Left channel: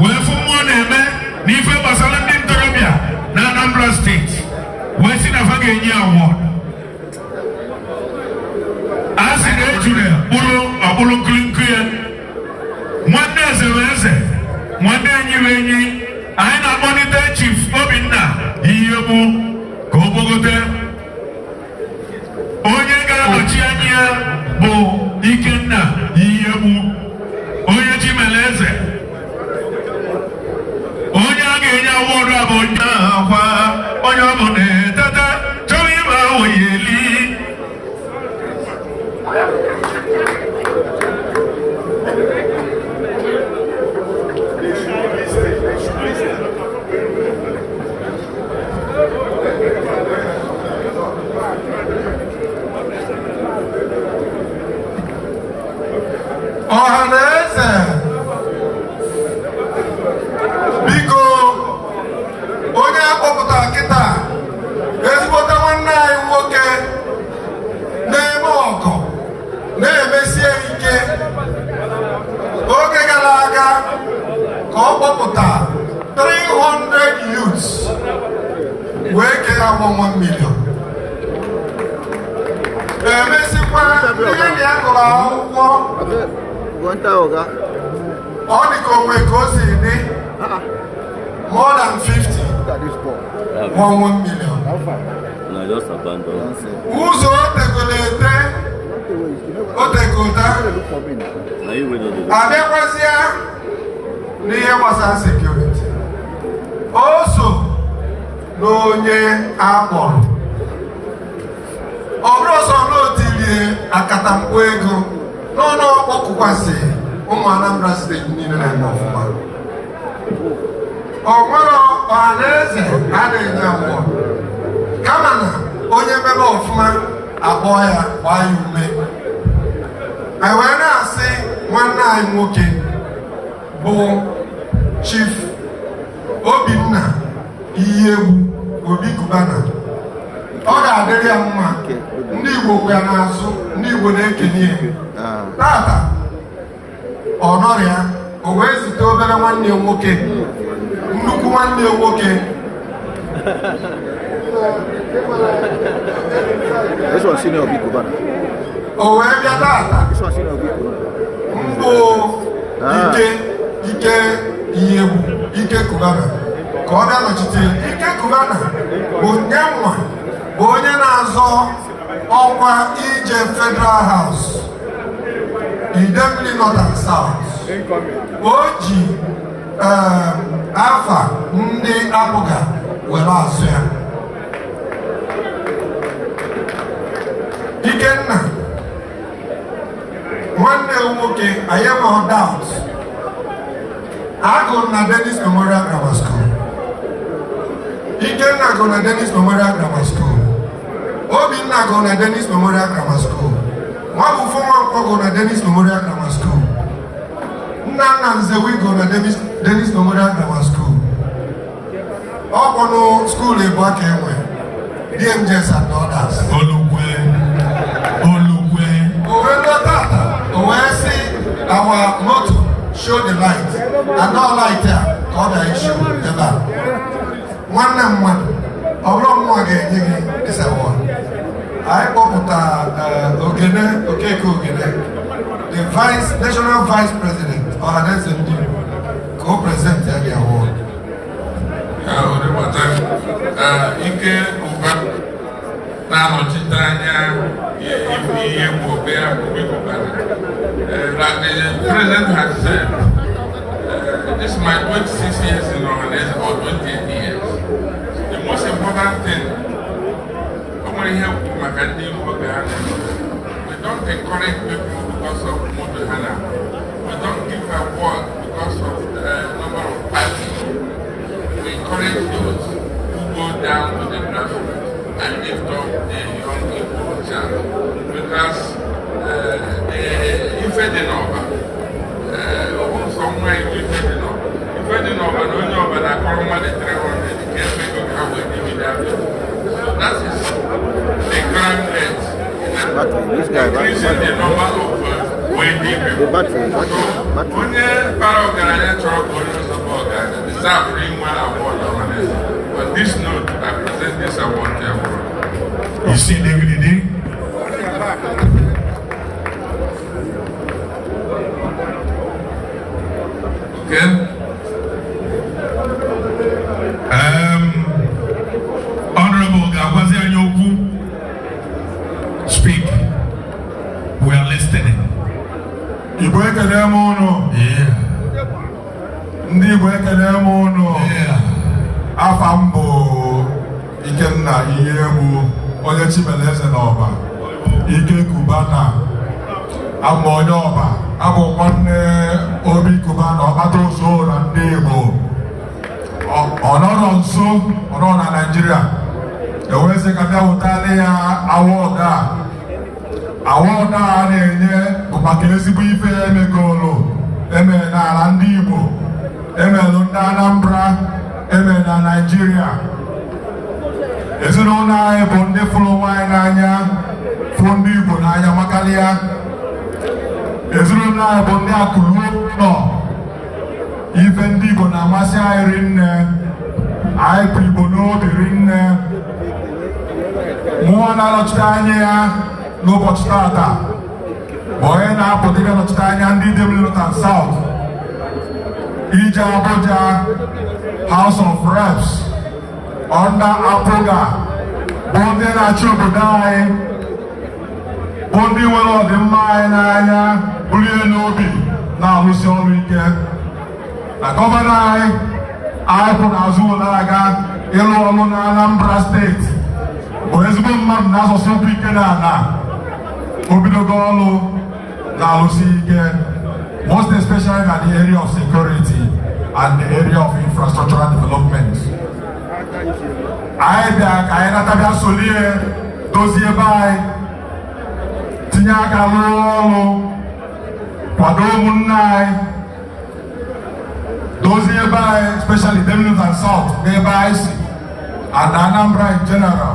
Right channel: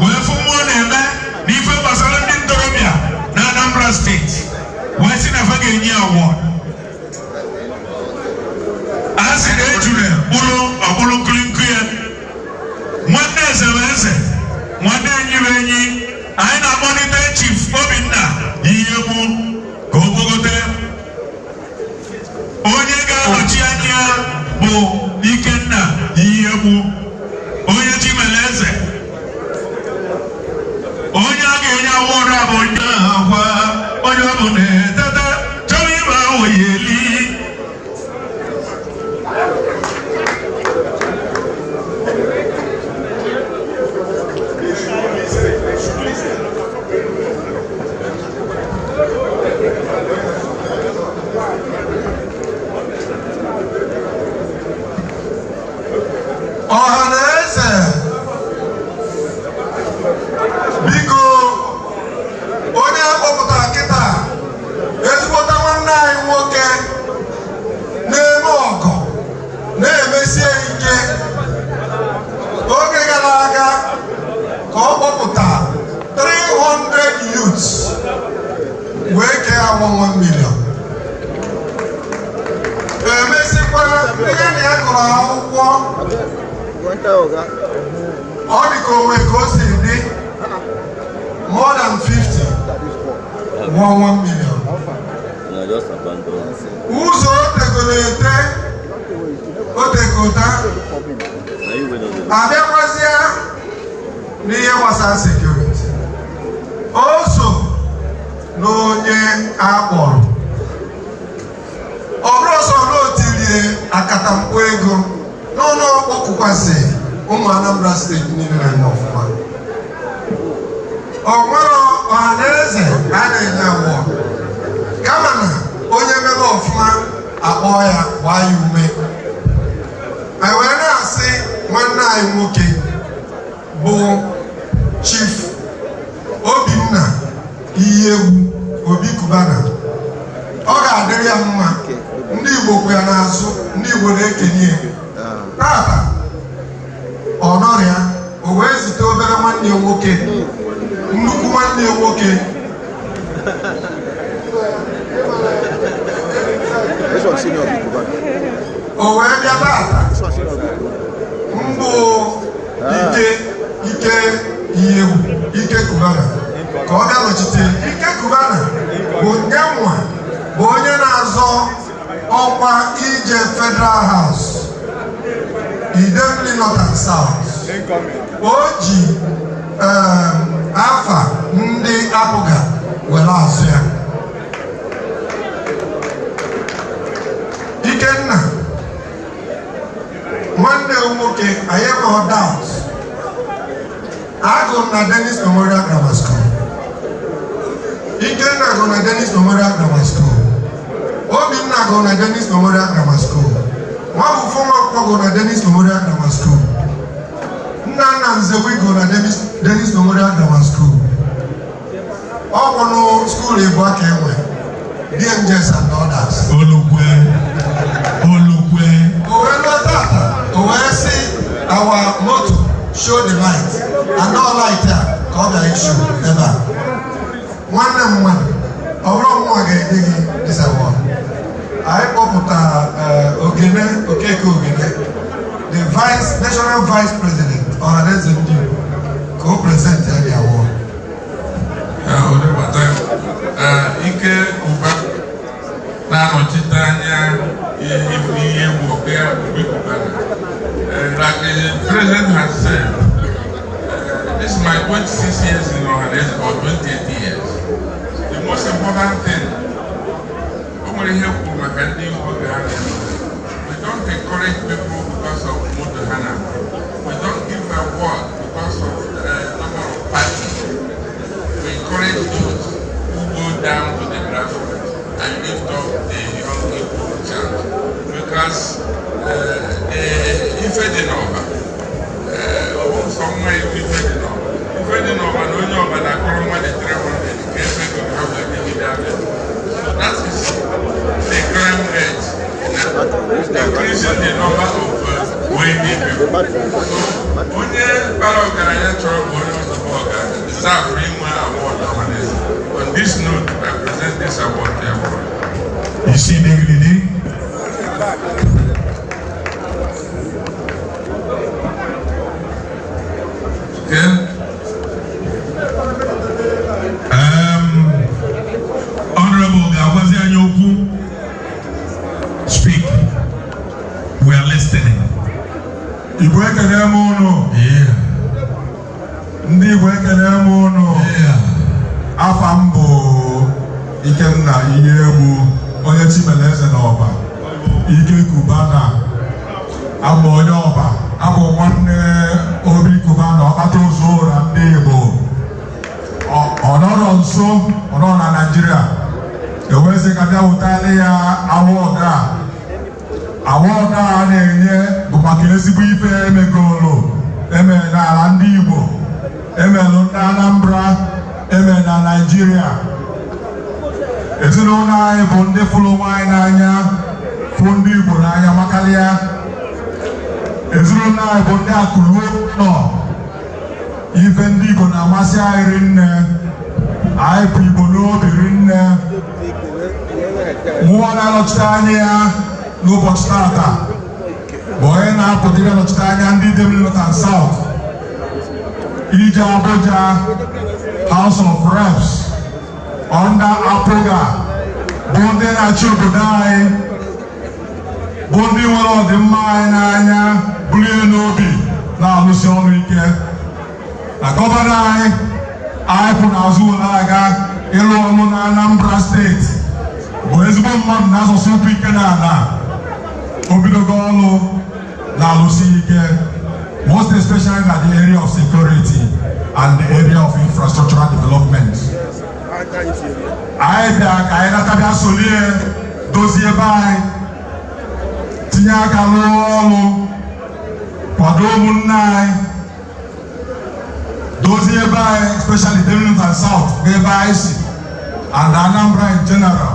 wee fụ mmụọ na-eme n'ife gbasara ndị ntorobịa na Anambra steeti wee sị na fa ga-enye award. A sị na ejule bụrụ ọkpụrụ nkirinkiri ya nwanne eze bụ eze nwanne enyi bụ enyi. Anyị na-akpọlite Chief Obinna ihe bụ ka o gbogote onye ga-anọchi anya ya bụ Ikenna ihe bụ onye Chimele eze. Onye a ga-enye awọdụ a bụ onye ahụ onye ọ bụ na-etete chọrọ ịba oyi eli. Ohaneze, biko onye akpọpụtara kịta ezigbote nwanne anyị nwoke na-eme ọgọ na-emesie ike. Oge gara aga ka ọ kpọpụta 300 youths wee kee ha 1 million. Emesikwa ndị enyi ya gụrụ akwụkwọ ọ dị ka onwe ka o si dị more than 50 1 million. Ụzọ otegota abịakwazịa n'ihe gbasara sekuriti. O so n'onye akpọrọ ọ bụrụ ọsọ n'otilie akatamkpo ego n'ọnụ ọkpọkwasị ụmụ Anambra steeti niile na-eme ọfụma. O nwere Ohaneze a na-enye awọ kama na onye mebe ọfụma akpọ ya gbaa ya ume. Anyị wee na-asị nwanne anyị nwoke bụ Chief Obinna ihe egwu Obi Kubana, ọ ga-adịrị ya mma. Ndị Igbo kwe ya n'azụ, ndị Igbo na-ekenye ya. Tata ọ nọrọ ya, o wee zite obere nwanne ya nwoke, nnukwu nwanne ya nwoke. O wee bịa tata mbụ Ike Kubana ka ọ ga-anọchite. Ike Kubana bụ nye nwa bụ onye na-azọ ọkwa ije Federal House Idemili North and South. O ji afa ndị apụga were azụ ya. Ikenna nwanne nwoke anyị ma ọ doubt agụrụ na Dennis Memorial Grammar School. Ikenna gụrụ na Dennis Memorial Grammar School. Obinna gụrụ na Dennis Memorial Grammar School. Nwabufo Nwankwo gụrụ na Dennis Memorial Grammar School. Nnanna Nzewi gụrụ na Dennis Memorial Grammar School. Ọ bụ school ebu aka enwe DMJs and others. Olugwe. Our motto, show the light, and no light here, God the issue, never. One, although is a one. I put Ogene, the National Vice President, Ohaneze Ndi Igbo, co-present the award. Ike Uba, like the president has said, this is my 26 years in Ohaneze, or 28 years. The most important thing, we don't encourage people because of Mutuhana. We don't give award because of number of parties. We encourage those who go down to the grassroots and lift up the young child. Because if I didn't know, somewhere if I didn't know, but I call them the 300, so that is the crime rate, increasing the number of waiting people. So, when the power of the natural Okay. Honorable Gawazia Nyoku, speak. We are listening. Igbo ekele m unu. Yeah. Ndị Igbo ekele m unu. Yeah. Afa m bụ Ikenna ihe egwu onye Chimeleze n'Ọba. Ike Kubana. Abụ onye Ọba. Abụ nwanne Obi Kubana ọkpata ozu na ndị Igbo. Ọ nọrọ nso nọ na Naịjirịa. Ewezi ka bịa wụtara ya awọdụ a. Awọdụ a na-enye bụ maka ezigbo ife emegolo emere n'ala ndị Igbo, emelụ ndị Anambra, emere na Naịjirịa. Ezinụlọ anyị bụ ndị fụrụ nwaanyị n'anya, fụ ndị Igbo n'anya makarịa. Ezinụlọ anyị bụ ndị akụrụ nọ ife ndị Igbo na-amasị anyị rinne. Anyị bụ Igbo n'obi rinne. Mụnwa na-anọchite anya ya n'ụbọchị tata bụ onye na-apụta ibe nọchite anya ndị dị North and South ije Abuja House of Reps under Apoga bụ ndị na-achị obodo anyị, bụ ndị nwere ọdịmma anyị n'anya, buru ihe n'obi, na-arụsi ọrụ ike. Na gọvanọ anyị kwụ n'azụ were aga ịrụ ọrụ na Anambra steeti bụ ezigbo mmadụ na-asọsọ okwu ike na ala. Obidogo ọrụ na-arụsi ike, most especially in the area of security and the area of infrastructural development. Anyị bịara ka anyị natabịa solie dozie ebe anyị, tinye aka rụọ ọrụ, kwado ụmụnne anyị, dozie ebe anyị, especially the North and South, ebe anyị si, and Anambra in general.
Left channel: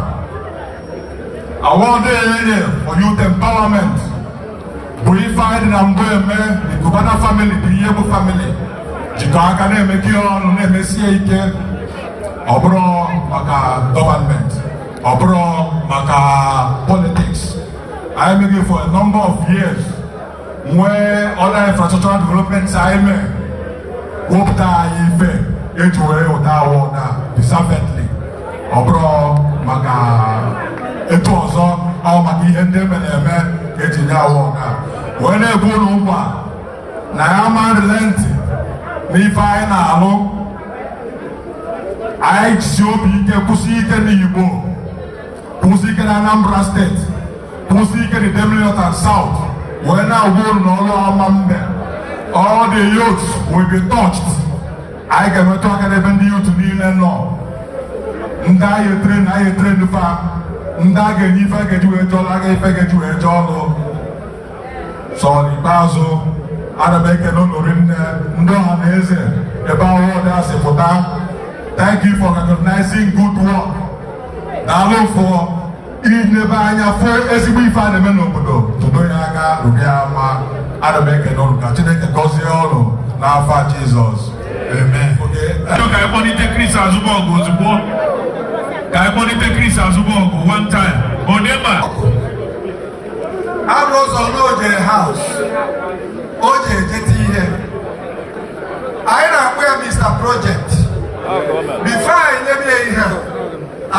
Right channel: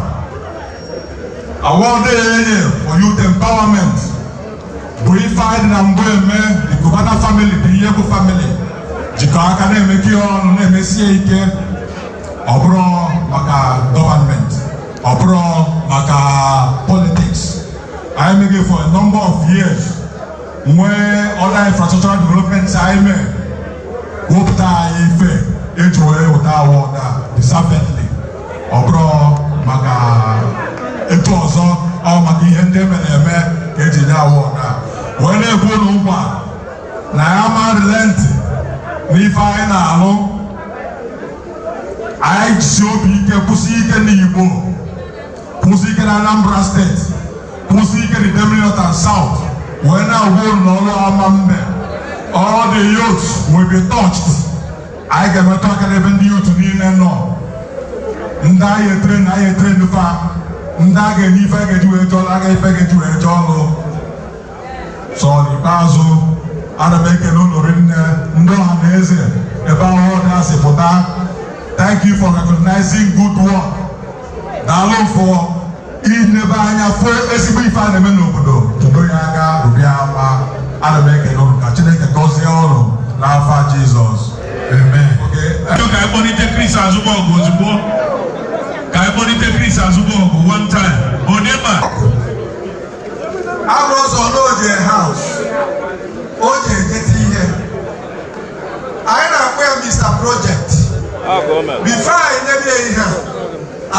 Award for youth empowerment. Purified Nambueme, the Kubana family, the Yebo family. Jikaka make on MSCA, Obro Maka government, Obro Maka politics. I am making for a number of years where other infrastructural developments I made. Wopta Ife, H.O.A. Otawa, deservedly. Obro Maka. Eto ọzọ maka ihe ndị mere eme ka eji nye awọ na wee na-ekwu n'ụgbọ na ya ma relenti n'ife anyị na-alụ. Anyị jisi obi ike, kwụsị ike n'Igbo, kwụsị ike na Anambra steeti, kwụsị ike na North and South, wee na-agwa unu n'ọrụ ama mbe. All the youths will be touched. Anyị ga-emetụ aka n'ebe ndị youth niile nọ. Ndị anyị etre ndufa ndị a ga-enye ife ga-eji wee jọọ aga ife ga-eji wee jọọ ọrụ. So n'ikpeazụ ana m ekele unu rinne ndị Ohaneze ebe ọhụrụ a si pụta. Thank you for recognizing good work. Daalụ for ilebe anya fụ ezigbo ife a na-eme n'obodo, tụdo ya aka rụrụ ya mma. Ana m ekele unu ka Chineke gọzie ọrụ n'afa Jizọs. Amen. Ka anyị kpọlite Chris Azụbọgụ ozugbo. Ka anyị kpọlite Chris Azụbọgụ one time. Onema. Arụzọ n'oje house. Oje ejeti ihe. Anyị na-akpọ ya Mr. Project. Before anyị nyebe ihe a,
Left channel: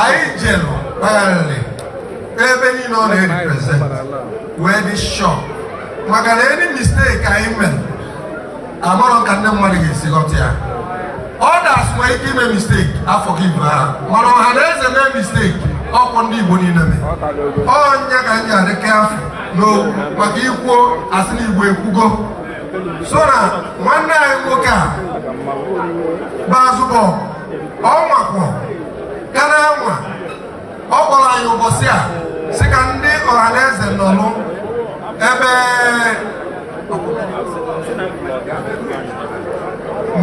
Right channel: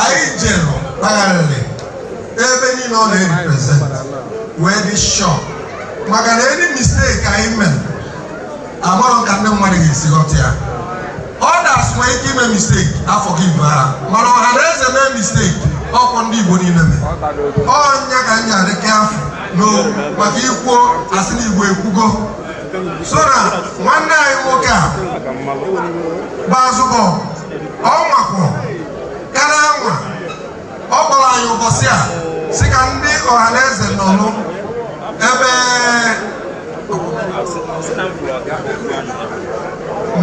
anyị jem kpagharịrị ebe niile ọ na-represent wee dị shop. Maka na any mistake anyị mere, amarọ ka ndị mmadụ ga-esi ghọta ya. Others nwere ike ime mistake, I forgive ha. Mana Ohaneze mee mistake, ọkwa ndị Igbo niile mee. Ọnya ka anyị adị careful n'okwu maka ikwuo asị na Igbo ekwugo. So na nwanne anyị nwoke a Bazụbọ, ọ nwakwo karịa nwa, ọ kpọrọ anyị ụbọchị a sị ka ndị Ohaneze nọlụ ebe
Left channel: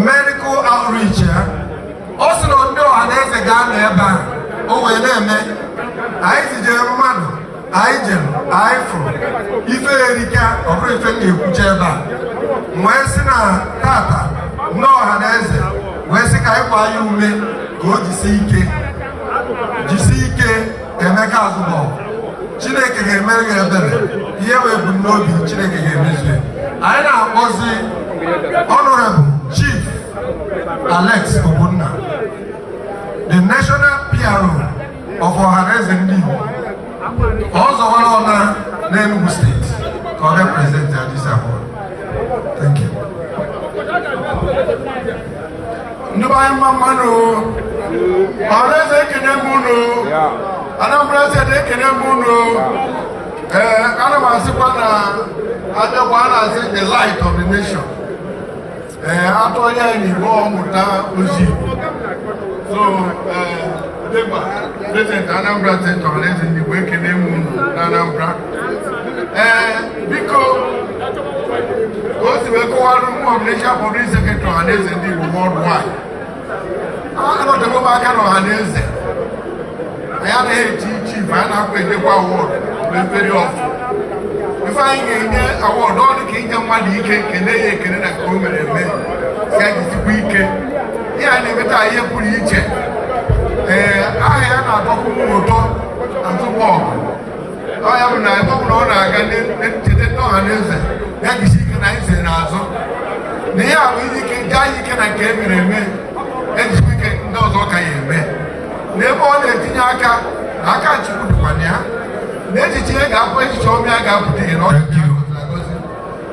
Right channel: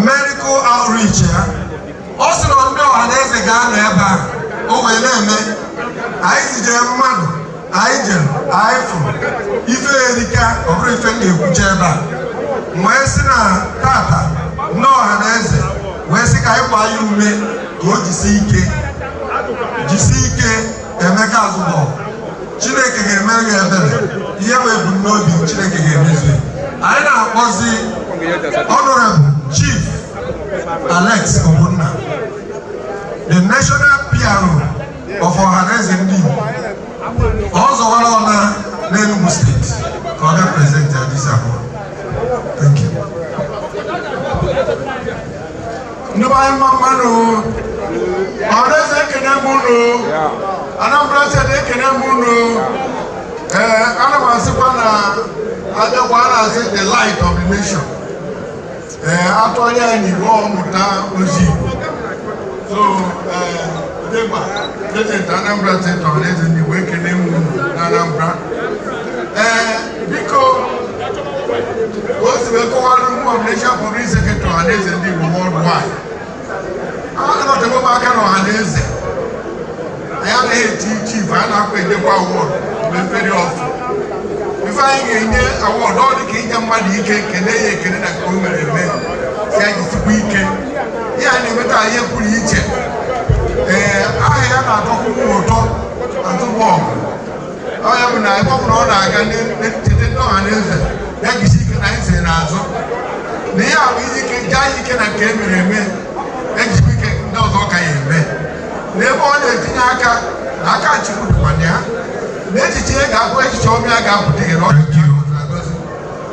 medical outreach ya. Ọ sị na ndị Ohaneze ga-anọ ebe a o wee na-eme. Anyị zijere mmadụ, anyị jem, anyị fụrụ ife erika, ọ bụrụ ife na-ekwuche ebe a. Wee sị na tata ndị Ohaneze wee sị ka anyị gbaa ya ume ka o jisi ike Emeka Azụbọ. Chineke ga-emere gị ebere, ihe bụ ebumnobi Chineke ga-emezu. Anyị na-akpọzi Honorable Chief Alex Obunna, the national PRO of Ohaneze Ndi Igbo, also all on Enugu State, for represent this award. Thank you. Ohaneze Kenemuno, Anambra State Kenemuno, Anamasipana, Adabana said the light of the nation. After the war, so, President Anambra State Ohaneze Ndi Igbo Kenemuno, Anambra. Because most of the nation public secretary Ohaneze Ndi Igbo worldwide. I don't know about Ohaneze. I have a chief, I have a award very often. If I get an award, all the kingdom money can come and event. Say it's weekend. Yeah, I never die here for each. I have a photo and to walk. I have an iPhone. I can get Ohaneze. That is nice and also. They are really can get me. Next weekend, those okay, man. Never on the Tinaka, I can't choose one. Let it take up when you show me I got to take it on. Thank you.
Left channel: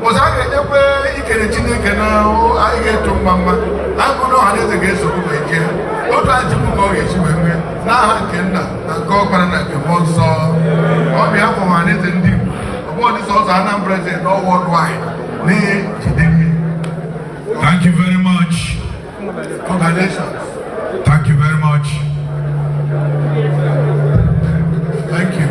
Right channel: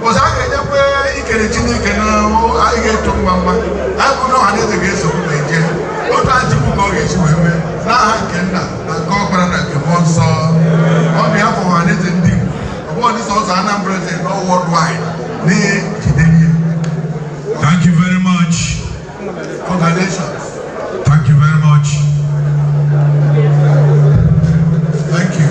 Was I get up? You can I get to Mama. I would not have to get so again. What I do know is women. Now I can go and the most on behalf of Ohaneze Ndi Igbo. The world is also Anambra State worldwide. Thank you very much. Congratulations. Thank you very much. Thank you.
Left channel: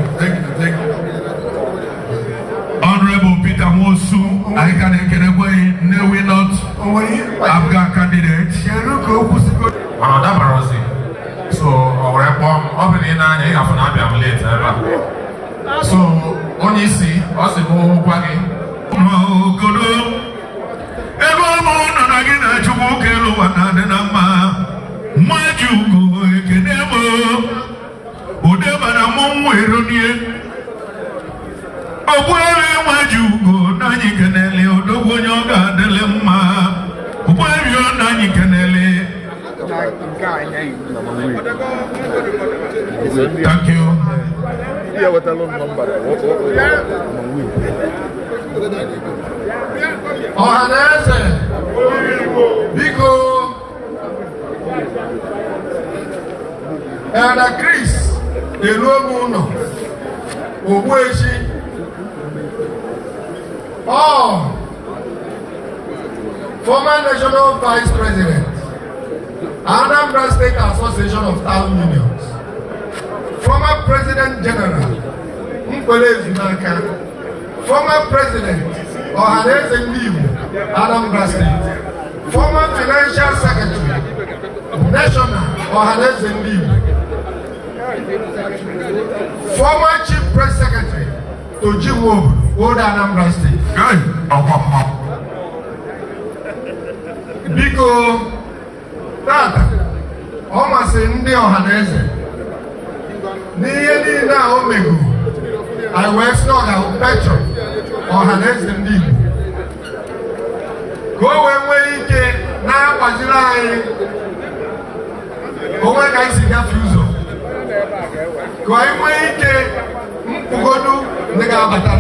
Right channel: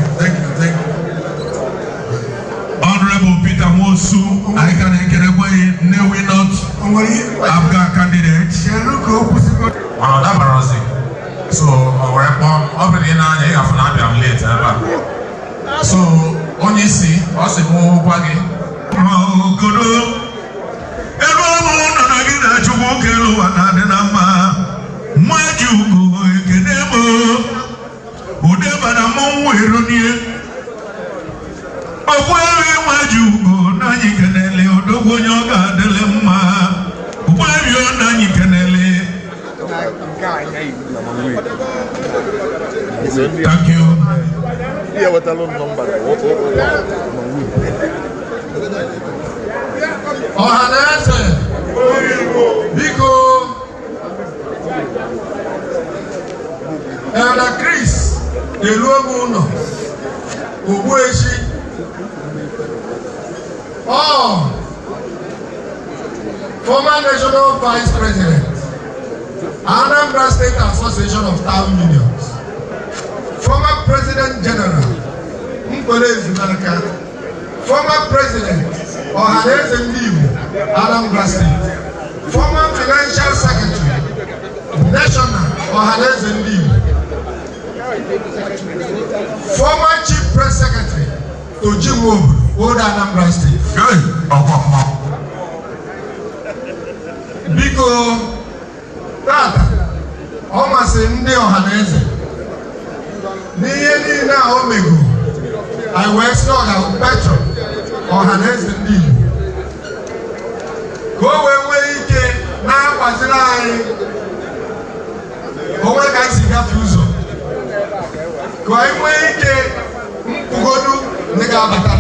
Honorable Peter Mosu, I can get away, no, we not Abga candidate. So our already have an late. So when you see, what's the more baggy? Thank you. Ohaneze, Biko, Elder Chris, Eluomuno, Ogbueshi, former National Vice President, Anambra State Association of Town Unions, former President General, Mkwele Zunaka, former President, Ohaneze Ndi Igbo Anambra State, former Financial Secretary, National Ohaneze Ndi Igbo, former Chief Press Secretary to Jimbo, Old Anambra State. Biko Tata, Omasi Ndi Ohaneze, n'ihe niile a o mego, I wee sị ọ ga-abụ Petro Ohaneze Ndi Igbo ka o wee nwee ike na-akwaziri anyị onwe ka anyị si gafe ụzọ ka anyị nwee ike mpụgodu ndị ga-abata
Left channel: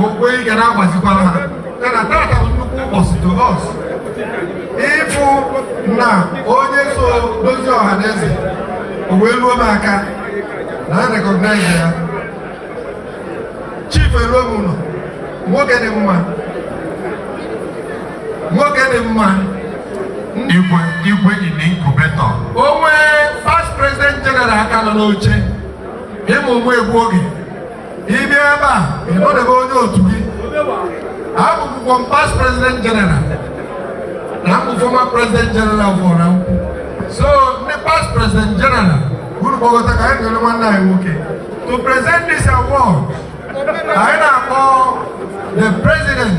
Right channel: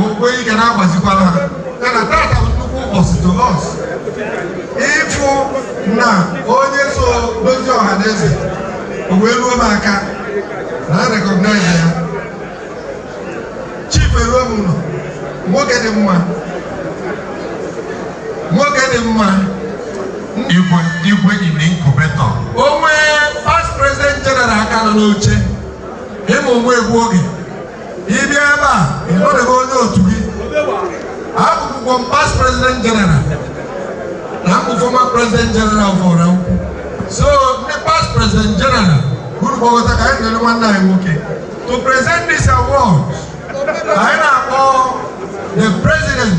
okwe ike na-agbazikwana ha yana tata bụ nnukwu ụbọchị to us ịfụ na onye so dozie Ohaneze o wee ruo m aka na recognize ya Chief Eluomuno, nwoke dị mma Igwe in incubator. onwe past president general aka nọ n'oche ịmụ ụmụ egwu oge ịbịa ebe a ịnọdebe onye otu gị abụkwụkwọ past president general na mbụ former president general fọrọ so ndị past president general guru gbagọta ka anyị ga-elu nwanne anyị nwoke to present this award anyị na-akpọ the president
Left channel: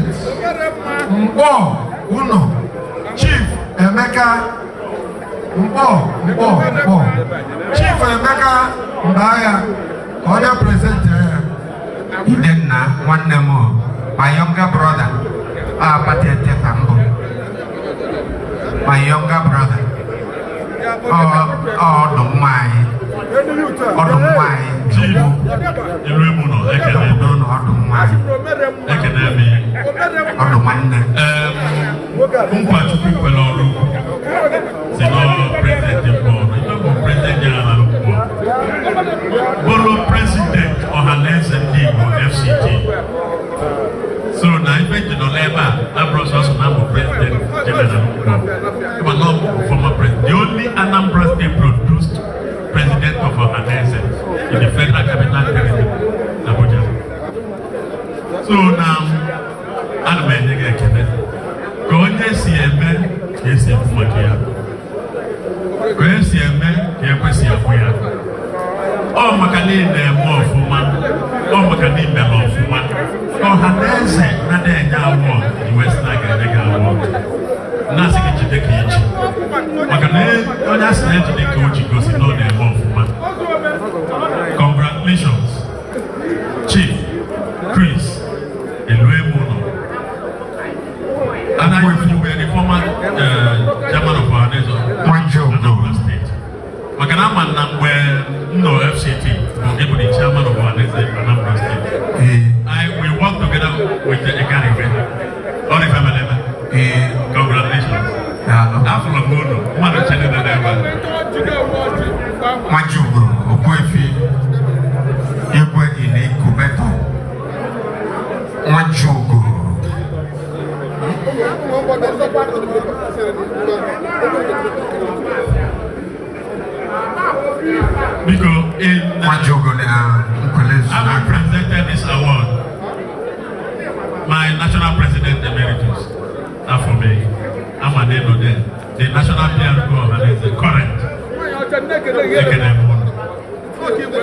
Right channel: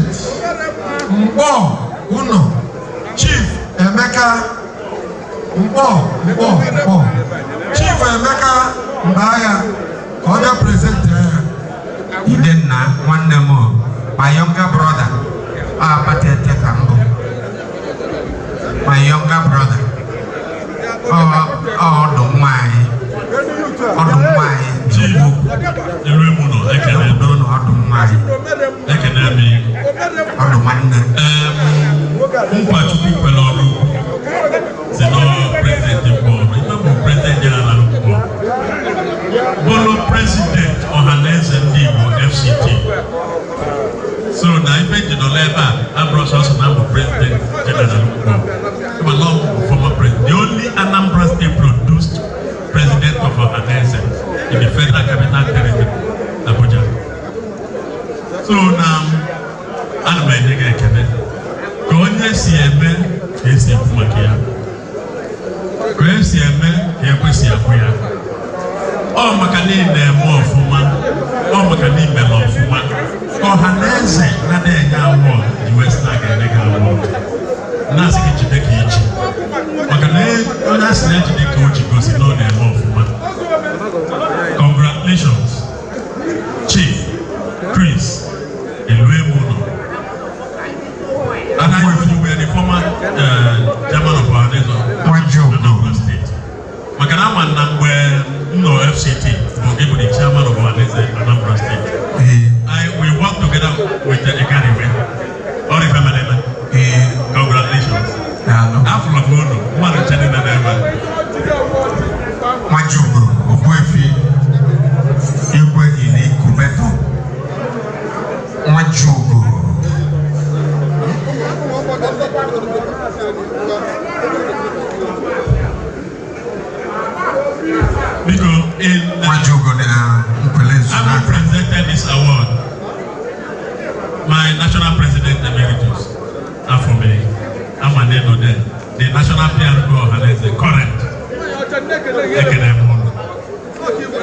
Mkpọ Uno Chief Emeka Chief Emeka Mbaya ka ọ bịa present ya Idenna nwanne m my younger brother Patete Kambo my younger brother maka ya ka esi eme ka ekwesị afụ ya ọ maka niile eme ọfụma ọ maka n'ime ma ọfụma Ohaneze na-enye awọ the Western ga-eme gị awọ na-asị gị jide ka echi maka na onye asị na-ejide ka o ji gosi na ọ na-eme ọfụma. Congratulations Chief Chris Eluemuni. And I were the former chairman of Ohaneze Anambra State. Makanama no FCT, but able the chairman of Ohaneze Anambra State. We work together with the Ekaribe. All the family. Congratulations. After the photo, one of the channel never. Majugo, Okwefi, Igwe Ini Kubeto. Majugo. Because I presented this award. My national president emeritus, Afome, Amaneno there, the national PRO Ohaneze, current,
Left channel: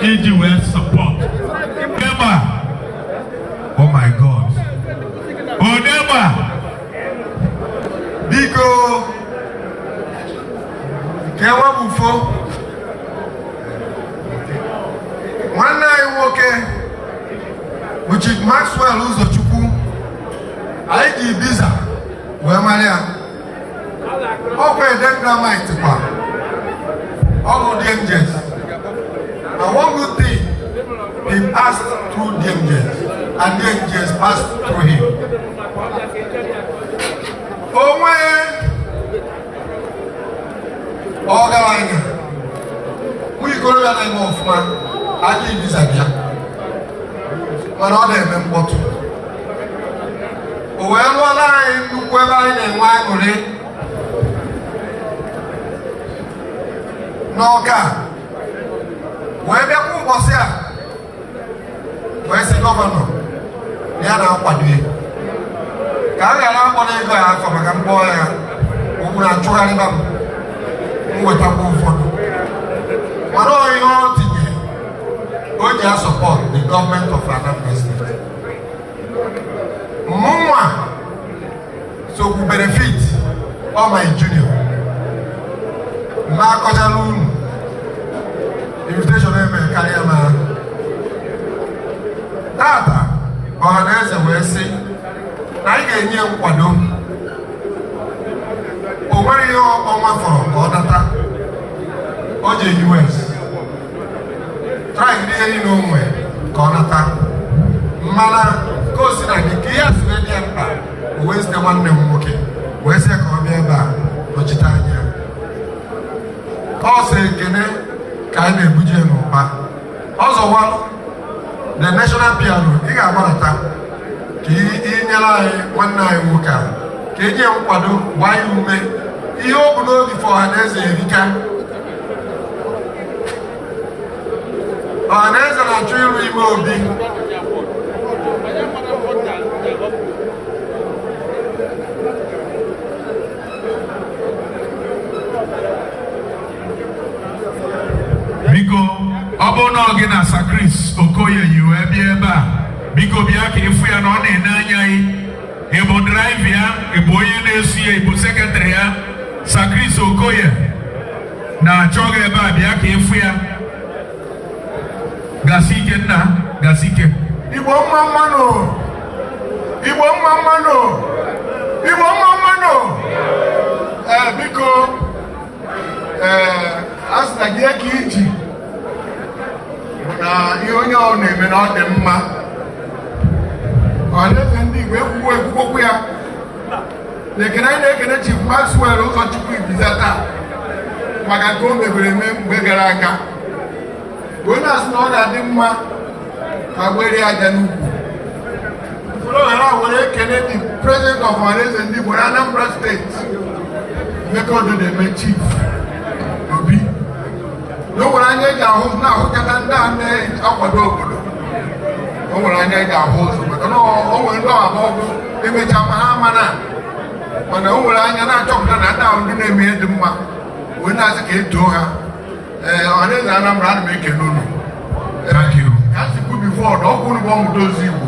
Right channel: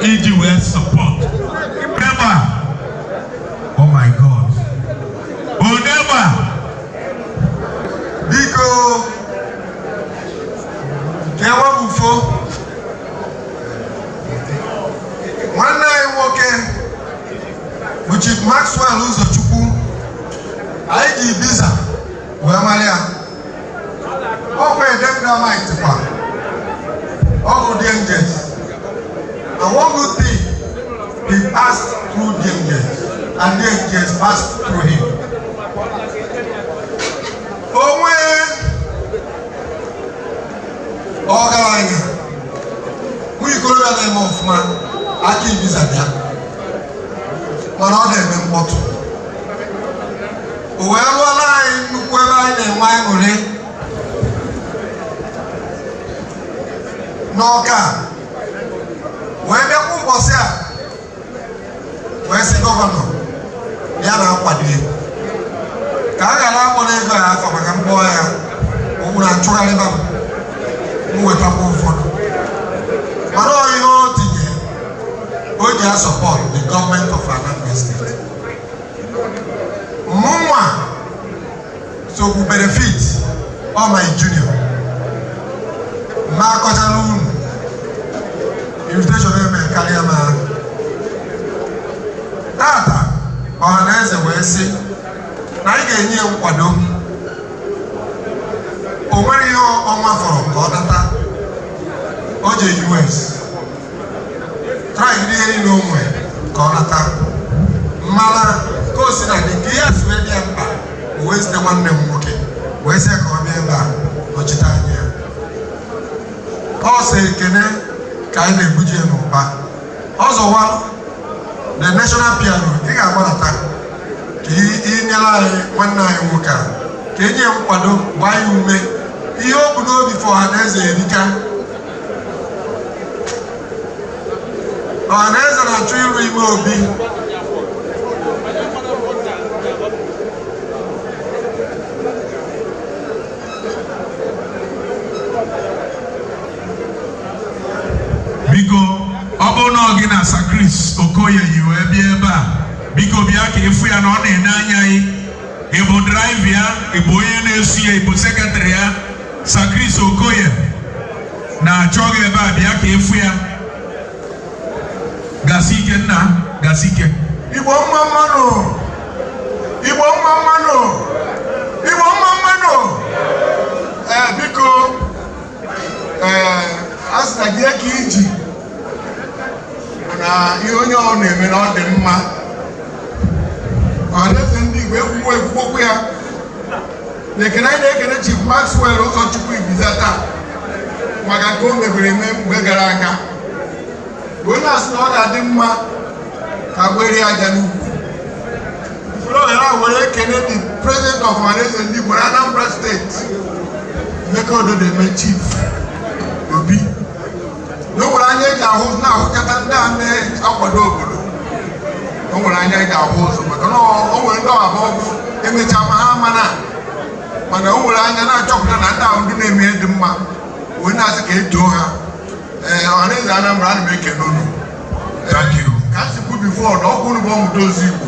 EGWS support. Never. Oh my God. Oh never. Biko kewa bufo nwanne anyị nwoke bụ Chief Maxwell Uzochukwu anyị ji biza wee mara ya ọkwa Edengramite kwa ọgwụ Dangers and one good thing he passed through Dangers and Dangers passed through him. Ọgaranya onye ikorobịa na-eme ọfụma aka ibiza bịa mana ọ na-eme mkpọtụ o wee rụọla anyị nnukwu ebe anyị na-enwe aṅụrị n'Ọka wee bịakwa ụbọchị a wee sị gọvanọ ya na-akwado ka a ghara akpọrọ ego a afọ maka mkpọ ya okwu na-achụgharịba m wetakwa ụfọdụ mana ihe o tinye o ji support the government of Anambra State. Mụnwa sokwu benefit all my junior ma akọchala unu invitation eme karịa ma tata Ohaneze wee sị na anyị ga-enye nkwado o nwere ihe ọnwa fọrọ ka ọ data o je US trying ihe niile o nwere ka ọ data mana ka o si na dị ka ihe asị wee bịa mkpa o wee site nwanne m nwoke wee sị ka ọ bịa ebe a nọchite anya ọ sị ekene ka a na-ebuje m ụba ọzọwa the national piano ị ga-agbarata ka inyere anyị nwanne anyị nwoke a ka enye nkwado gbaa ya ume ihe o bu n'obi for Ohaneze erika. Ohaneze na-achọ ịrụ ime obi biko ọ bụrụ na ọ gị na Sakris Okoye yi wee bịa ebe a biko bịa ka ịfụ ya na ọ na-ene anya anyị ịbụ draiva ya ịbụ onye na-esu ya ịbụ sekretrị ya Sakris Okoye na-achọ gị ebe a bịa ka ịfụ ya gasi ike nna gasi ike Igbo mma mmanụ Igbo mma mmanụ Igbo mma mmanụ biko asị na gị eke iji na ihe onye ọ na-eme na ọ dị mma Ohaneze Ndị Igbo ekwukwokwu ya na-ekene anyị na-ekene Chief Maxwell Uzochukwu Ibiza taa maka ka o mebere eme mgbe gara aga onye asị na ọ ga-adị mma ka gbere aja n'ukwu usoro ghara were ekene the president of Ohaneze Ndị Igbo Anambra State Mekodo Chief Obi na o nwere anya eji ahụ na-ahụkọta ndị a na-akwado obodo o nwere anya eji ahụ ụzọ maka na o nwere ndị abụọ bụ emecha ma ha mana o nwere anya na-achọpụta na ndị ahụ ndị na-eme mma wee na-asị ka eto ha Ohaneze Anambra ana m ekele unu. Thank you. Ka m sikwu bifo na ọkụ unu bụ ọmụta ozi Igbo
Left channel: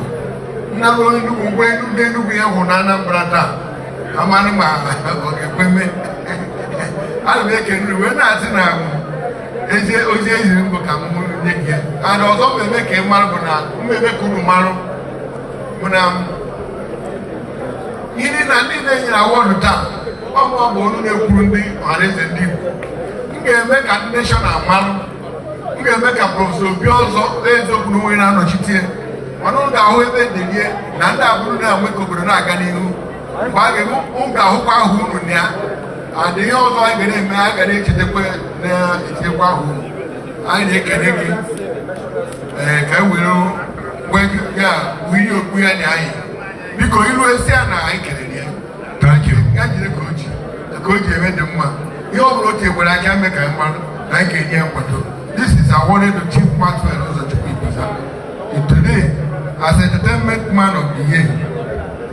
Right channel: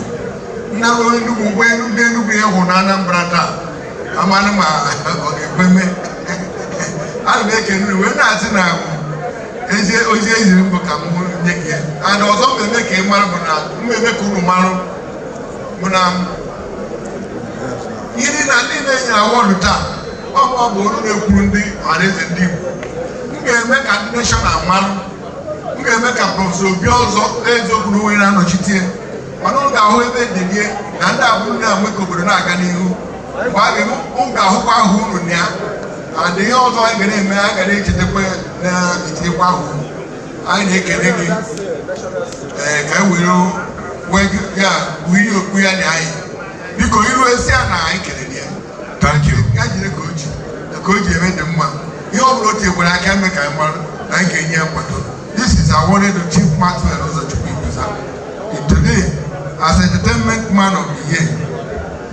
nnara Enugwu ụgbọ Enugwu ya hụ na Anambra taa amanụ ma ọ ga-ekweme ana m ekele unu wee na-asị na ozi eziri mbụ ka m nye gị ana ọzọ mmemme ka ị mara bụ na mmemme ka unu marụ bụ na ihe na ndị na-enyere awọdụ taa ọ bụ olu na-ekwuru ndị Ohaneze Ndị Igbo m ga-eme ka ndị neshọnal marụ m ga-eme ka prọfesọ Obi ọzọ eziokwu na onwe na-anọchite mana ọ ga-ahụ ebe ndịnie na ndị abụrụ na-enwe ka obodo na-aga n'ihu mgbe a ga-eme m ga-ahụkwa ahụ unu na ya adịghị ọzọ anyị ga na-eme anyị ga na-echetakwa na-echetakwa ahụ anyị na-ekele gị ka e were wiri okwu ya na anyị biko iru esi a na anyị kelere ya. Thank you. Ya jiri ka o ji eme dị mma ihe ọ bụla o tinyekwara aka eme ka mmadụ na anyị ga-enye ya nkwado. This is awarded to Chief Maxwell Ozochukwu Ibuza today as Entertainment Man of the Year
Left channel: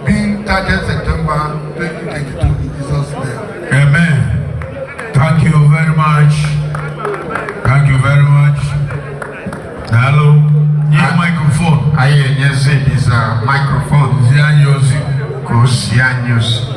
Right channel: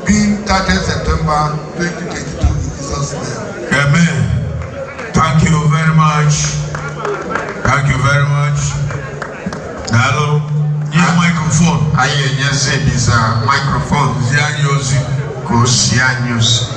being 30th September 2022 in Jesus' name. Amen. Thank you very much. Thank you very much. Hello. Your microphone. Ohaneze is a microphone. Zianyosi. Go Zianyosi.